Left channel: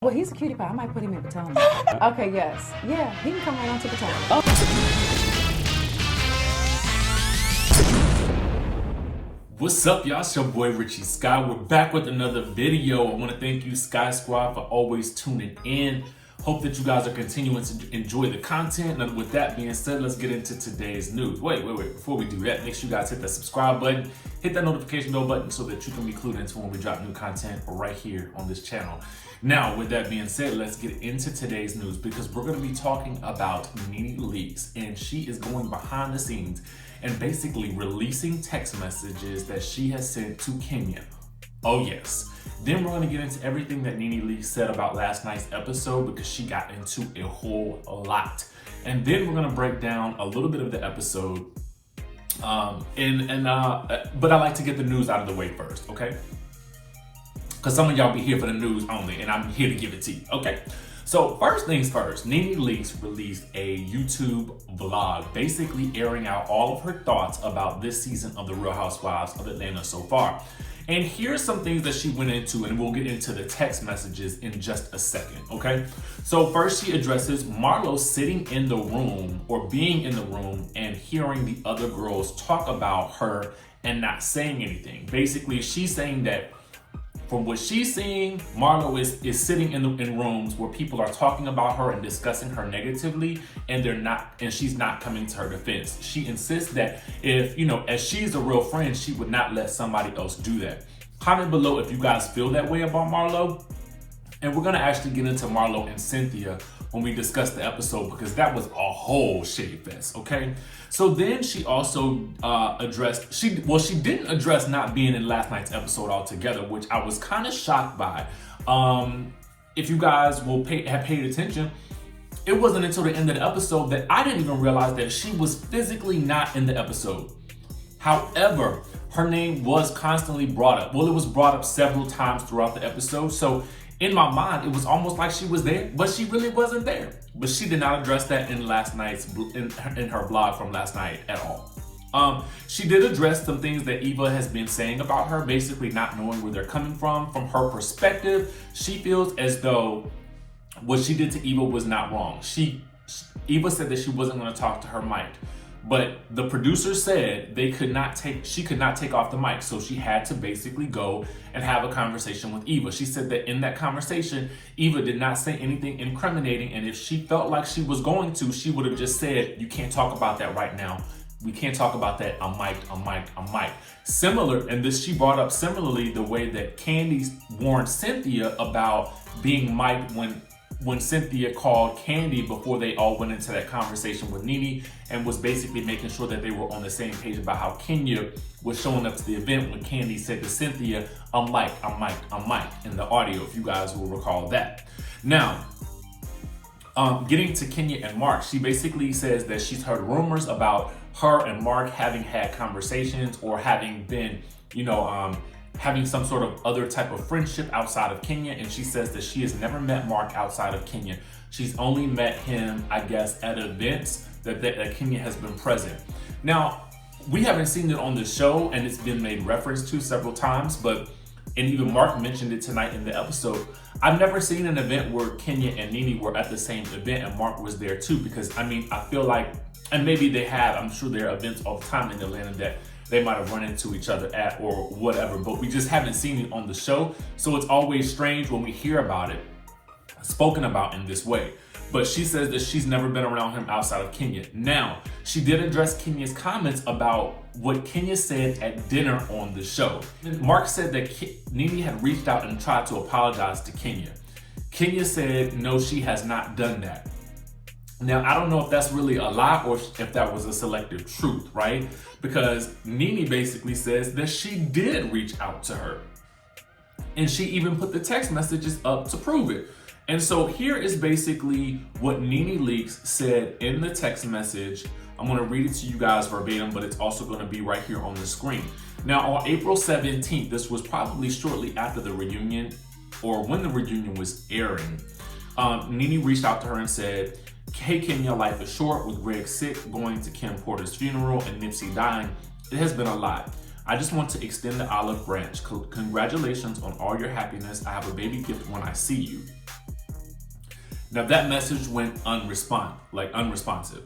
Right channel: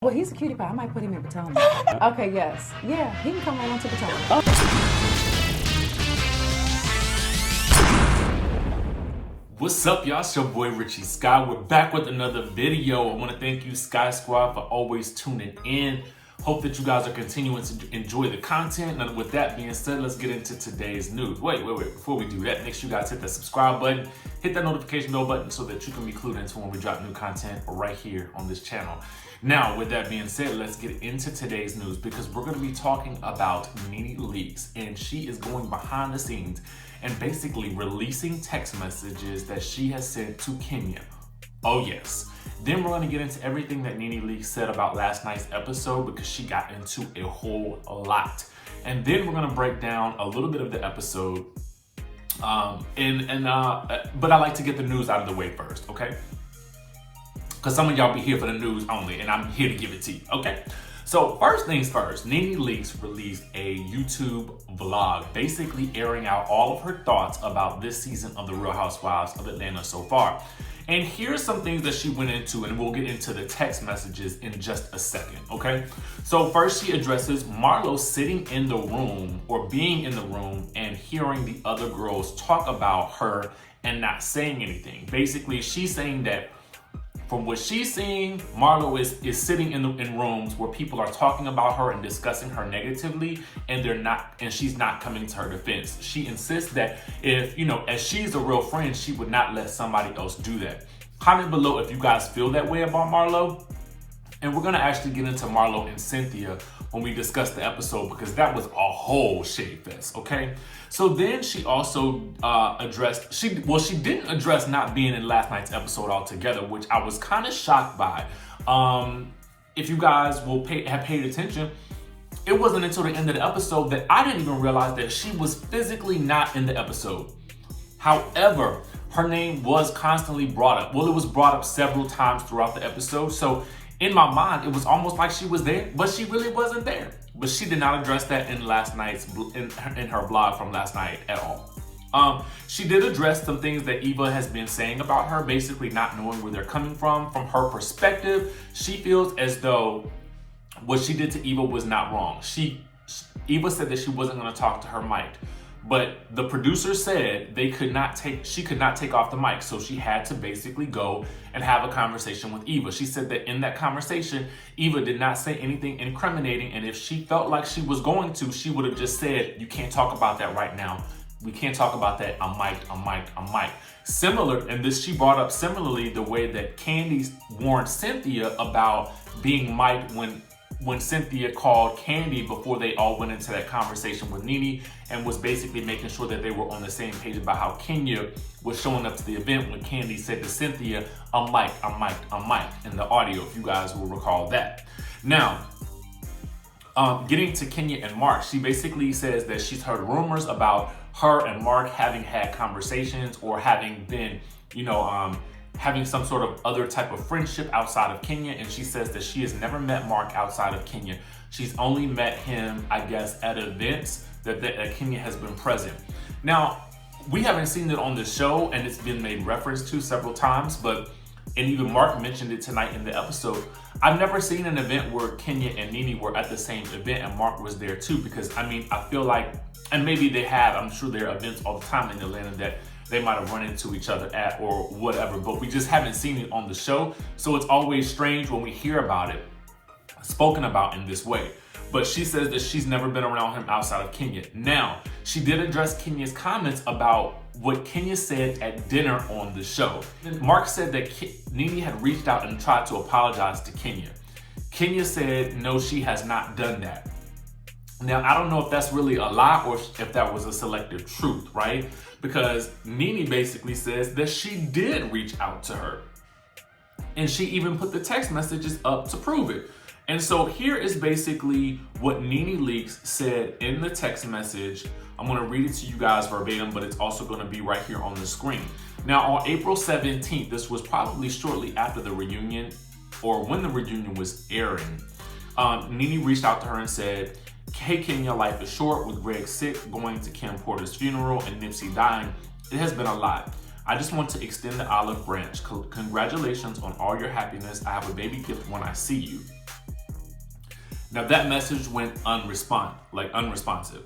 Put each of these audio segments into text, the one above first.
Well, he's a cutie pie. I might put him in Potomac. Okay, yes. Yeah, he can come right on to Potomac. What's up, y'all? It's your boy Richie Sky. We're back with another video. I want to thank you, Sky Squad, for always tuning in. Hope that you guys are continuing to enjoy the content. And with that being said, let's get into today's news. Wait. Before we do that, make sure you guys hit that subscribe button, hit that notification bell button so that you can be clued into when we drop new content right here on this channel. Now, with that being said, let's get into today's news because we're going to be talking about Nene Leakes, and she is going behind the scenes and basically releasing text messages that she has sent to Kenya. Oh yes. Then we're going to get into everything that Nene Leakes said about last night's episode because she got into a whole lot. And then we're going to break down a little bit of the episode. But I like to get the news out of the way first, okay? Because some of y'all be here for the news only, and I'm here to give it to you, okay? So first things first, Nene Leakes released a YouTube vlog, basically airing out all of her thoughts about this season of The Real Housewives of Atlanta so far. And here's some things that she went into, and we'll get into the text messages in just a second, okay? So first she addresses Marlo sitting in the room or being in the room and hearing the other girls talk about her and not saying anything. Basically, she's saying that from what she's seeing, Marlo is sitting in rooms where people are talking about her and discussing her negatively, and she's not coming to her defense. She insists that if, as she's a real friend, she would not let somebody else do that. Comment below if you guys feel that way about Marlo. And we're gonna actually get into Marlo and Cynthia when we discuss the episode because that was a whole shitty fest, okay? So then she also she didn't address not being in last night's episode altogether, which I was kind of shocked by. If you guys have paid attention, it wasn't until the end of the episode that I didn't even realize that she was physically not in the episode. However, her name was constantly brought up. Well, it was brought up several times throughout the episode. So in my mind, it was almost like she was there, but she really wasn't there. But she did not address that in her vlog from last night at all. She did address some things that Eva has been saying about her, basically not knowing where they're coming from. From her perspective, she feels as though what she did to Eva was not wrong. Eva said that she wasn't going to talk to her mic, but the producer said she could not take off the mic, so she had to basically go and have a conversation with Eva. She said that in that conversation, Eva did not say anything incriminating, and if she felt like she was going to, she would have just said, "You can't talk about that right now. We can't talk about that. I'm mic'd." Similar, and this she brought up similarly the way that Kandi warned Cynthia about being mic'd when Cynthia called Kandi before they all went into that conversation with Nene and was basically making sure that they were on the same page about how Kenya was showing up to the event when Kandi said to Cynthia, I'm mic'd in the audio, if you guys will recall that. Now, getting to Kenya and Mark, she basically says that she's heard rumors about her and Mark having had conversations or having been, having some sort of other type of friendship outside of Kenya, and she says that she has never met Mark outside of Kenya. She's only met him, I guess, at events that Kenya has been present. Now, we haven't seen it on the show, and it's been made reference to several times, and even Mark mentioned it tonight in the episode. I've never seen an event where Kenya and Nene were at the same event and Mark was there too, because I feel like, and maybe they have, I'm sure there are events all the time in Atlanta that they might have run into each other at or whatever, but we just haven't seen it on the show. So it's always strange when we hear about it spoken about in this way. But she says that she's never been around him outside of Kenya. Now, she did address Kenya's comments about what Kenya said at dinner on the show. Mark said that Nene had reached out and tried to apologize to Kenya. Kenya said, no, she has not done that. Now, I don't know if that's really a lie or if that was a selective truth, right? Because Nene basically says that she did reach out to her. And she even put the text messages up to prove it. And so here is basically what Nene Leakes said in the text message. I'm going to read it to you guys verbatim, but it's also going to be right here on the screen. Now, on April 17th, this was probably shortly after the reunion or when the reunion was airing, Nene reached out to her and said, "Hey Kenya, life is short with Greg sick, going to Kim Porter's funeral, and Nipsy dying. It has been a lot. I just want to extend the olive branch. Congratulations on all your happiness. I have a baby gift when I see you." Now that message went unresponsive.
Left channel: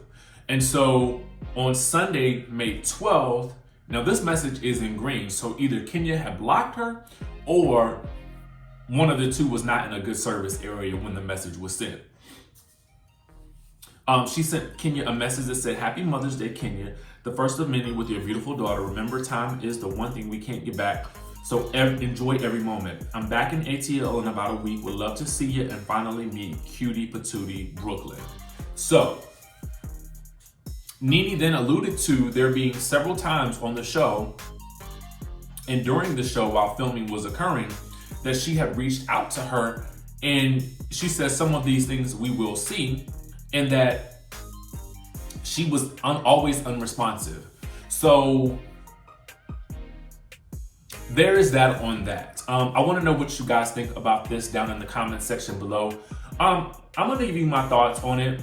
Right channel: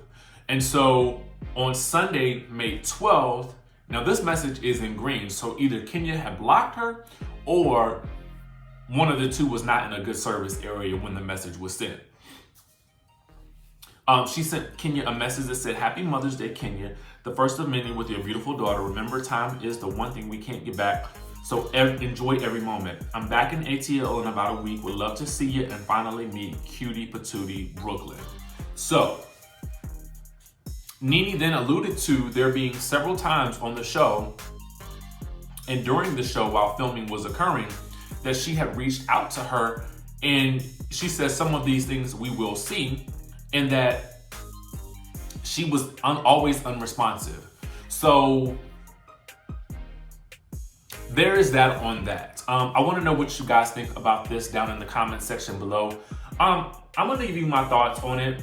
And so on Sunday, May 12th, now this message is in green. So either Kenya had blocked her or one of the two was not in a good service area when the message was sent. She sent Kenya a message that said, "Happy Mother's Day, Kenya. The first of many with your beautiful daughter. Remember, time is the one thing we can't get back. So enjoy every moment. I'm back in ATL in about a week. Would love to see you and finally meet Cutie Patootie Brooklyn." So Nene then alluded to there being several times on the show and during the show while filming was occurring that she had reached out to her, and she says some of these things we will see, and that she was always unresponsive. So there is that on that. I want to know what you guys think about this down in the comment section below. I'm going to give you my thoughts on it.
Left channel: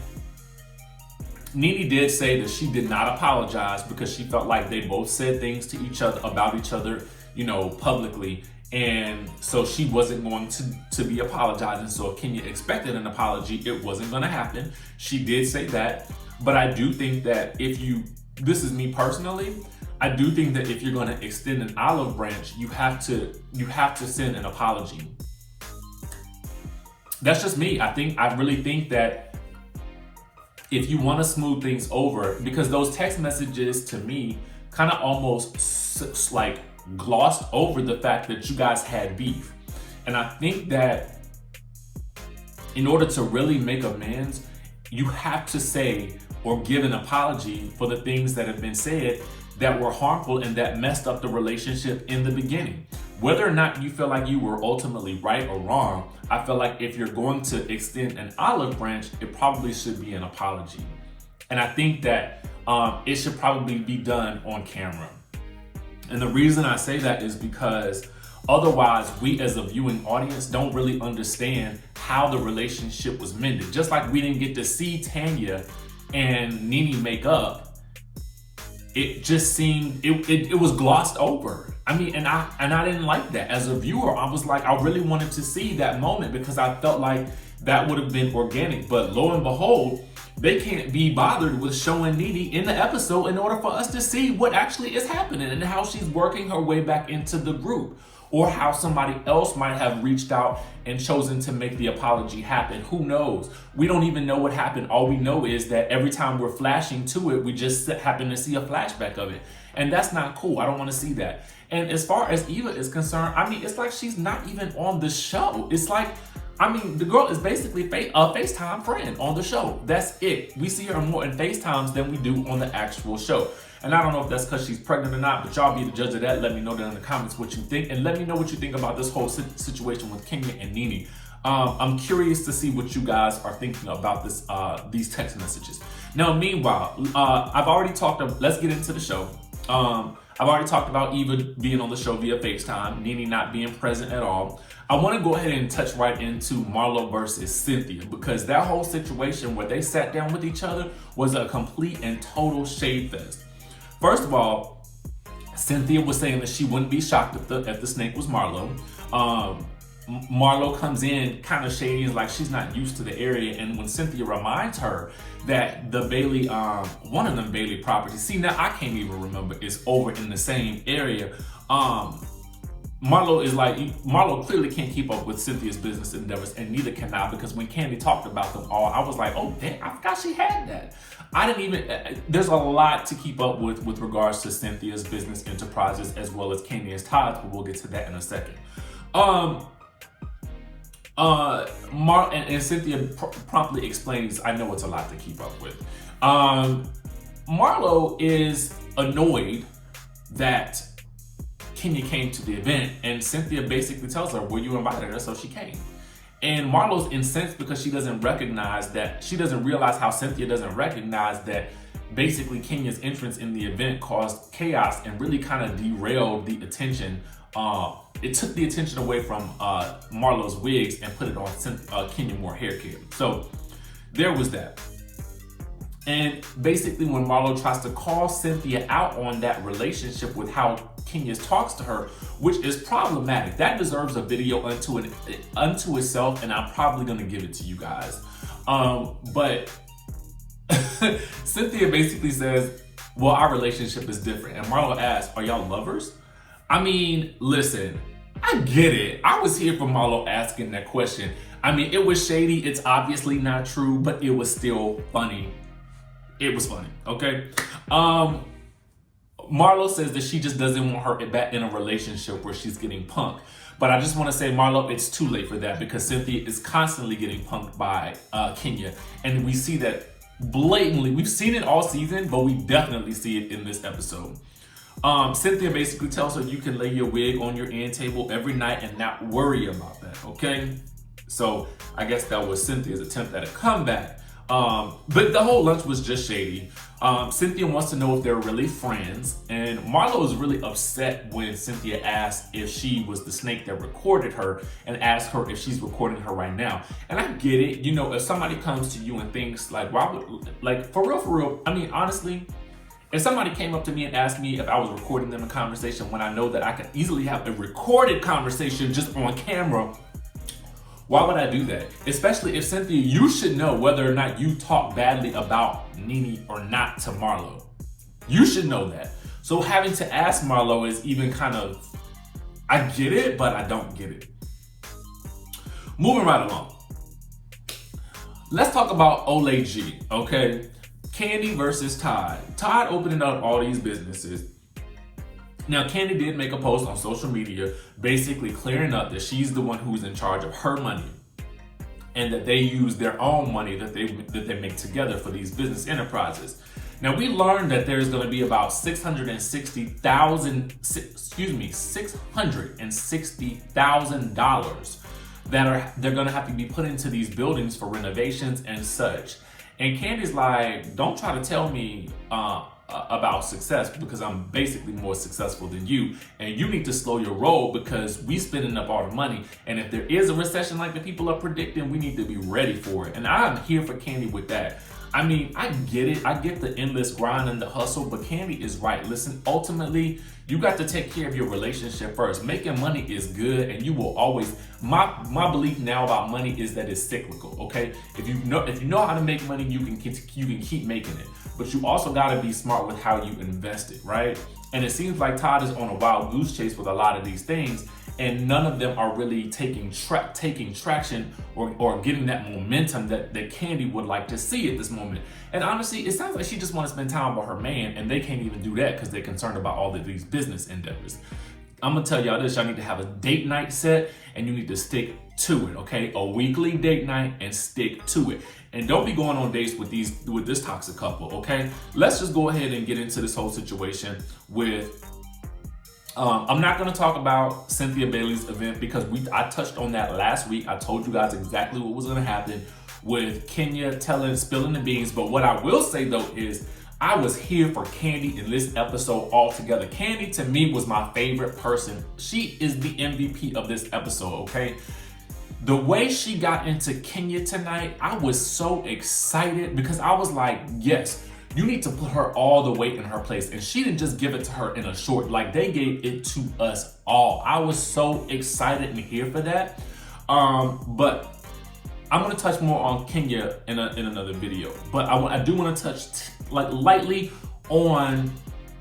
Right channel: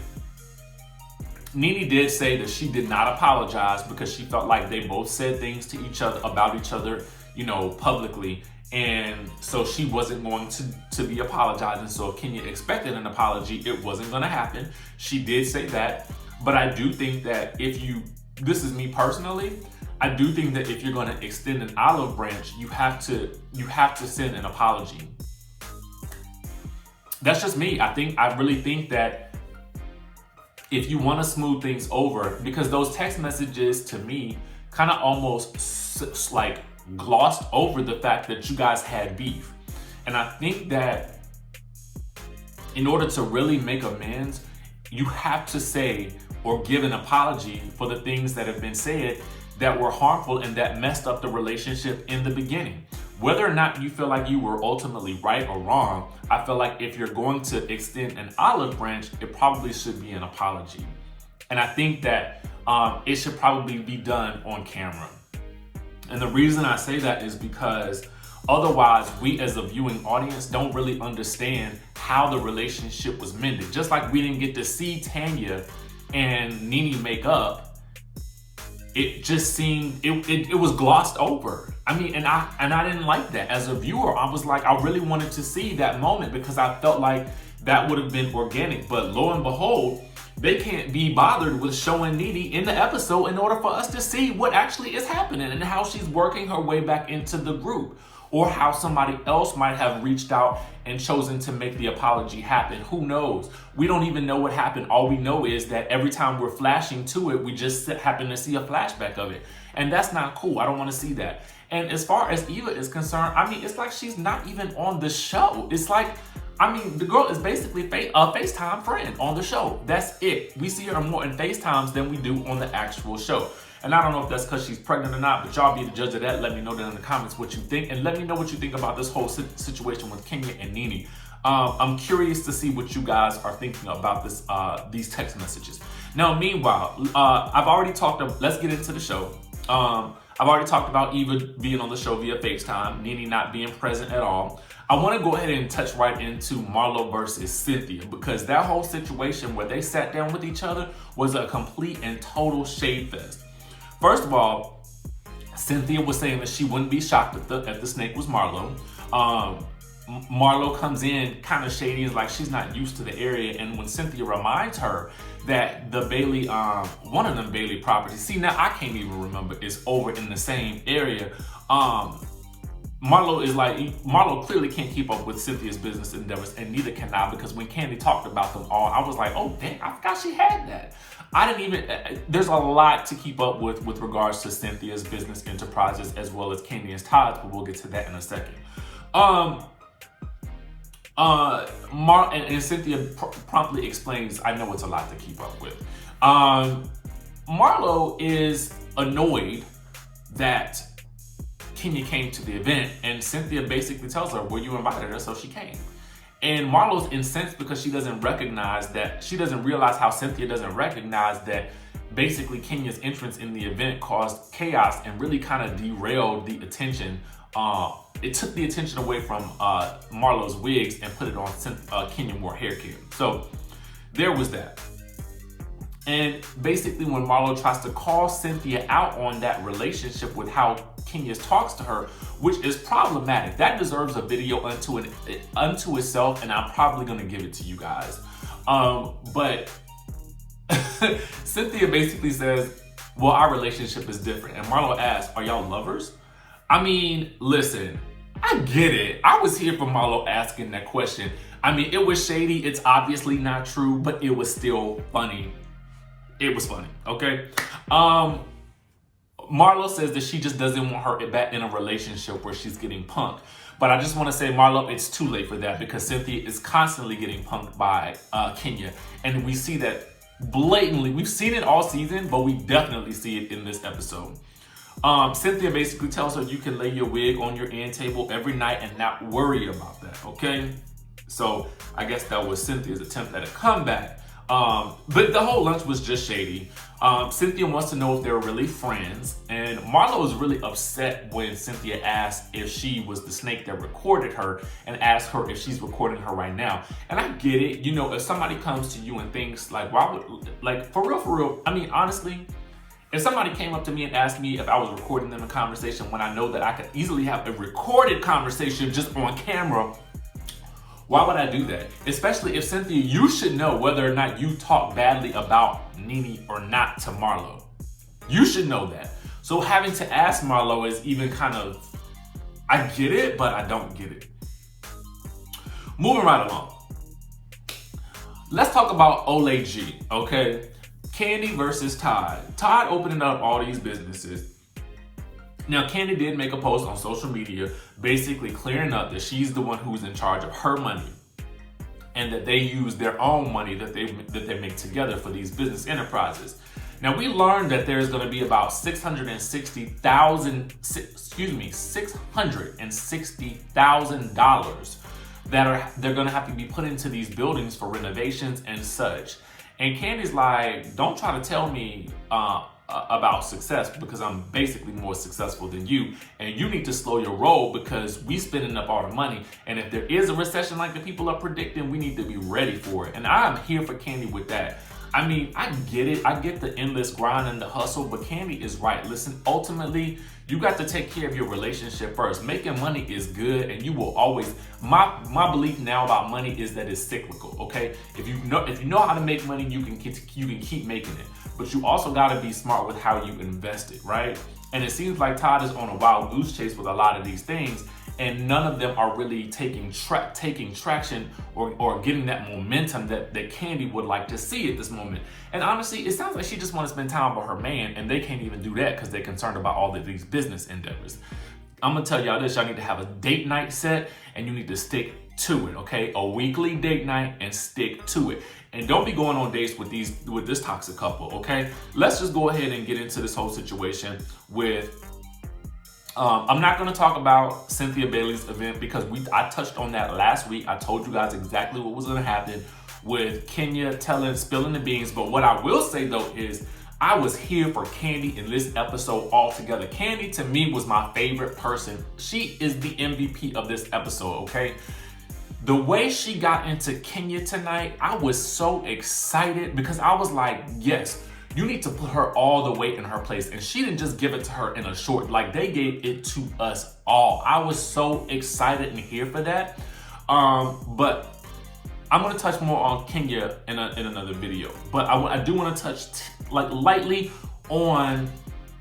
Nene did say that she did not apologize because she felt like they both said things to each other about each other, you know, publicly. And so she wasn't going to be apologizing. So if Kenya expected an apology, it wasn't going to happen. She did say that. But I do think that this is me personally, I do think that if you're going to extend an olive branch, you have to send an apology. That's just me. I really think that if you want to smooth things over, because those text messages to me kind of almost like glossed over the fact that you guys had beef. And I think that in order to really make amends, you have to say or give an apology for the things that have been said that were harmful and that messed up the relationship in the beginning. Whether or not you feel like you were ultimately right or wrong, I feel like if you're going to extend an olive branch, it probably should be an apology. And I think that it should probably be done on camera. And the reason I say that is because otherwise we as a viewing audience don't really understand how the relationship was mended. Just like we didn't get to see Tanya and Nene make up, it just seemed, it was glossed over. I mean, and I didn't like that. As a viewer, I was like, I really wanted to see that moment because I felt like that would have been organic. But lo and behold, they can't be bothered with showing Nene in the episode in order for us to see what actually is happening and how she's working her way back into the group, or how somebody else might have reached out and chosen to make the apology happen. Who knows? We don't even know what happened. All we know is that every time we're flashing to it, we just happen to see a flashback of it. And that's not cool. I don't want to see that. And as far as Eva is concerned, I mean, it's like she's not even on the show. It's like, I mean, the girl is basically a FaceTime friend on the show. That's it. We see her more in FaceTimes than we do on the actual show. And I don't know if that's because she's pregnant or not, but y'all be the judge of that. Let me know down in the comments what you think. And let me know what you think about this whole situation with Kenya and Nene. I'm curious to see what you guys are thinking about this, these text messages. Now, meanwhile, I've already talked about, let's get into the show. I've already talked about Eva being on the show via FaceTime, Nene not being present at all. I want to go ahead and touch right into Marlo versus Cynthia, because that whole situation where they sat down with each other was a complete and total shade fest. First of all, Cynthia was saying that she wouldn't be shocked if the snake was Marlo. Marlo comes in kind of shady, is like she's not used to the area, and when Cynthia reminds her that the Bailey, one of them Bailey properties, see now I can't even remember, is over in the same area. Marlo is like, Marlo clearly can't keep up with Cynthia's business endeavors, and neither can I, because when Kandi talked about them all, I was like, oh dang, I forgot she had that. I didn't even, there's a lot to keep up with regards to Cynthia's business enterprises as well as Kanye and Todd's, but we'll get to that in a second. And Cynthia promptly explains, I know it's a lot to keep up with. Marlo is annoyed that Kenya came to the event, and Cynthia basically tells her, well, you invited her, so she came. And Marlo's incensed because she doesn't realize how Cynthia doesn't recognize that basically Kenya's entrance in the event caused chaos and really kind of derailed the attention. It took the attention away from Marlo's wigs and put it on Kenya Moore hair care. So there was that. And basically when Marlo tries to call Cynthia out on that relationship with how Kenya talks to her, which is problematic. That deserves a video unto itself, and I'm probably gonna give it to you guys. But Cynthia basically says, well, our relationship is different. And Marlo asks, are y'all lovers? I mean, listen, I get it. I was here for Marlo asking that question. I mean, it was shady. It's obviously not true, but it was still funny. It was funny, okay? Marlo says that she just doesn't want her back in a relationship where she's getting punked. But I just want to say, Marlo, it's too late for that because Cynthia is constantly getting punked by Kenya. And we see that blatantly. We've seen it all season, but we definitely see it in this episode. Cynthia basically tells her you can lay your wig on your end table every night and not worry about that, okay? So I guess that was Cynthia's attempt at a comeback. But the whole lunch was just shady. Cynthia wants to know if they're really friends, and Marlo is really upset when Cynthia asked if she was the snake that recorded her and asked her if she's recording her right now. And I get it, you know, if somebody comes to you and thinks like, why would, like, for real, I mean, honestly, if somebody came up to me and asked me if I was recording them in conversation when I know that I could easily have a recorded conversation just on camera, why would I do that? Especially if Cynthia, you should know whether or not you talk badly about Nene or not to Marlo. You should know that. So having to ask Marlo is even kind of, I get it, but I don't get it. Moving right along. Let's talk about Ole G, okay? Kandi versus Todd. Todd opening up all these businesses. Now, Kandi did make a post on social media basically clearing up that she's the one who's in charge of her money and that they use their own money that they make together for these business enterprises. Now, we learned that there's going to be about $660,000 that they're going to have to be put into these buildings for renovations and such. And Kandi's like, don't try to tell me about success because I'm basically more successful than you. And you need to slow your roll because we spending up all the money. And if there is a recession like the people are predicting, we need to be ready for it. And I'm here for Kandi with that. I mean, I get it. I get the endless grind and the hustle, but Kandi is right. Listen, ultimately, you got to take care of your relationship first. Making money is good, and you will always. My belief now about money is that it's cyclical. Okay, if you know how to make money, you can keep making it. But you also got to be smart with how you invest it, right? And it seems like Todd is on a wild goose chase with a lot of these things, and none of them are really taking traction or getting that momentum that Kandi would like to see at this moment. And honestly, it sounds like she just wants to spend time with her man, and they can't even do that because they're concerned about all of these business endeavors. I'm gonna tell y'all this: y'all need to have a date night set, and you need to stick to it. Okay, a weekly date night and stick to it. And don't be going on dates with this toxic couple. Okay, let's just go ahead and get into this whole situation with. I'm not going to talk about Cynthia Bailey's event because I touched on that last week. I told you guys exactly what was going to happen with Kenya spilling the beans. But what I will say though is I was here for Kandi in this episode altogether. Kandi to me was my favorite person. She is the MVP of this episode, okay? The way she got into Kenya tonight, I was so excited because I was like, yes, you need to put her all the way in her place. And she didn't just give it to her in a short, like they gave it to us all. I was so excited and here for that. But I'm gonna touch more on Kenya in another video. But I do wanna touch lightly on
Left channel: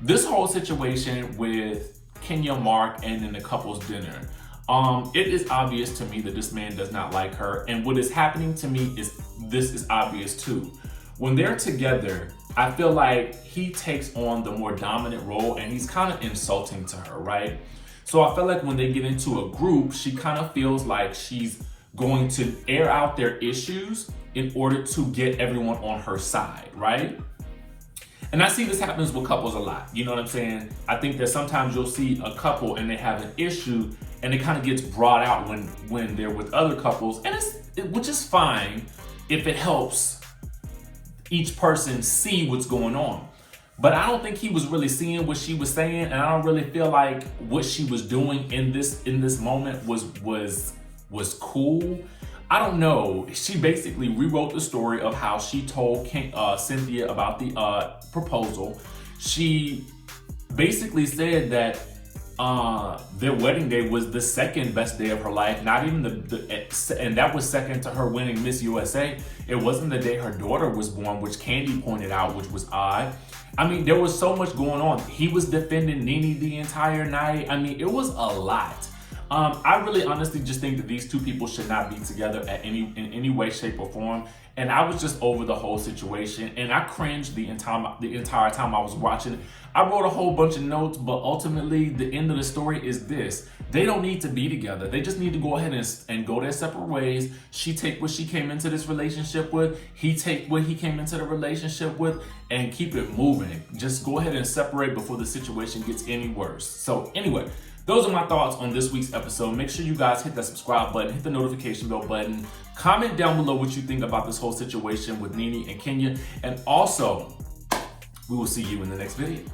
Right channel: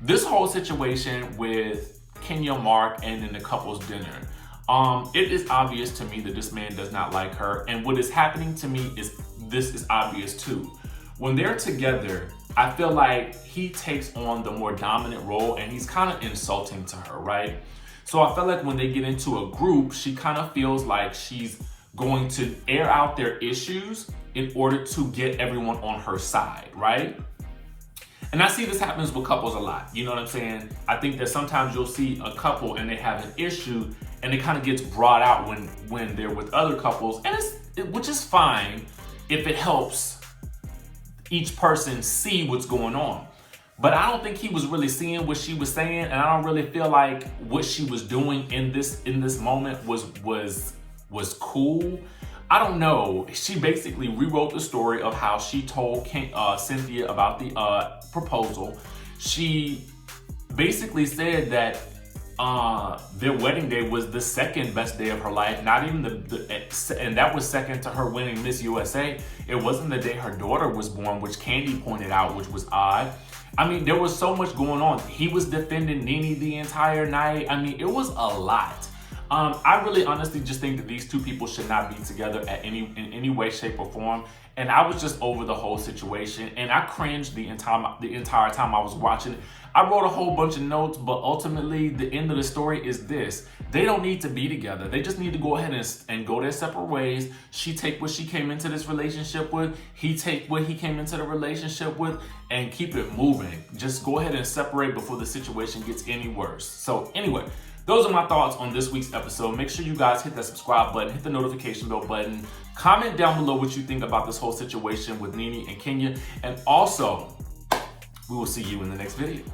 this whole situation with Kenya, Mark, and then the couple's dinner. It is obvious to me that this man does not like her. And what is happening to me is this is obvious too. When they're together, I feel like he takes on the more dominant role and he's kind of insulting to her, right? So I feel like when they get into a group, she kind of feels like she's going to air out their issues in order to get everyone on her side, right? And I see this happens with couples a lot. You know what I'm saying? I think that sometimes you'll see a couple and they have an issue and it kind of gets brought out when they're with other couples, and which is fine if it helps each person see what's going on. But I don't think he was really seeing what she was saying, and I don't really feel like what she was doing in this moment was cool. I don't know. She basically rewrote the story of how she told Cynthia about the proposal. She basically said that their wedding day was the second best day of her life. Not even and that was second to her winning Miss USA. It wasn't the day her daughter was born, which Kandi pointed out, which was odd. I mean, there was so much going on. He was defending Nene the entire night. I mean, it was a lot. I really honestly just think that these two people should not be together in any way, shape, or form. And I was just over the whole situation, and I cringed the entire time I was watching. I wrote a whole bunch of notes, but ultimately the end of the story is this. They don't need to be together. They just need to go ahead and go their separate ways. She take what she came into this relationship with. He take what he came into the relationship with, and keep it moving. Just go ahead and separate before the situation gets any worse. So anyway, those are my thoughts on this week's episode. Make sure you guys hit that subscribe button, hit the notification bell button. Comment down below what you think about this whole situation with Nene and Kenya. And also, we will see you in the next video.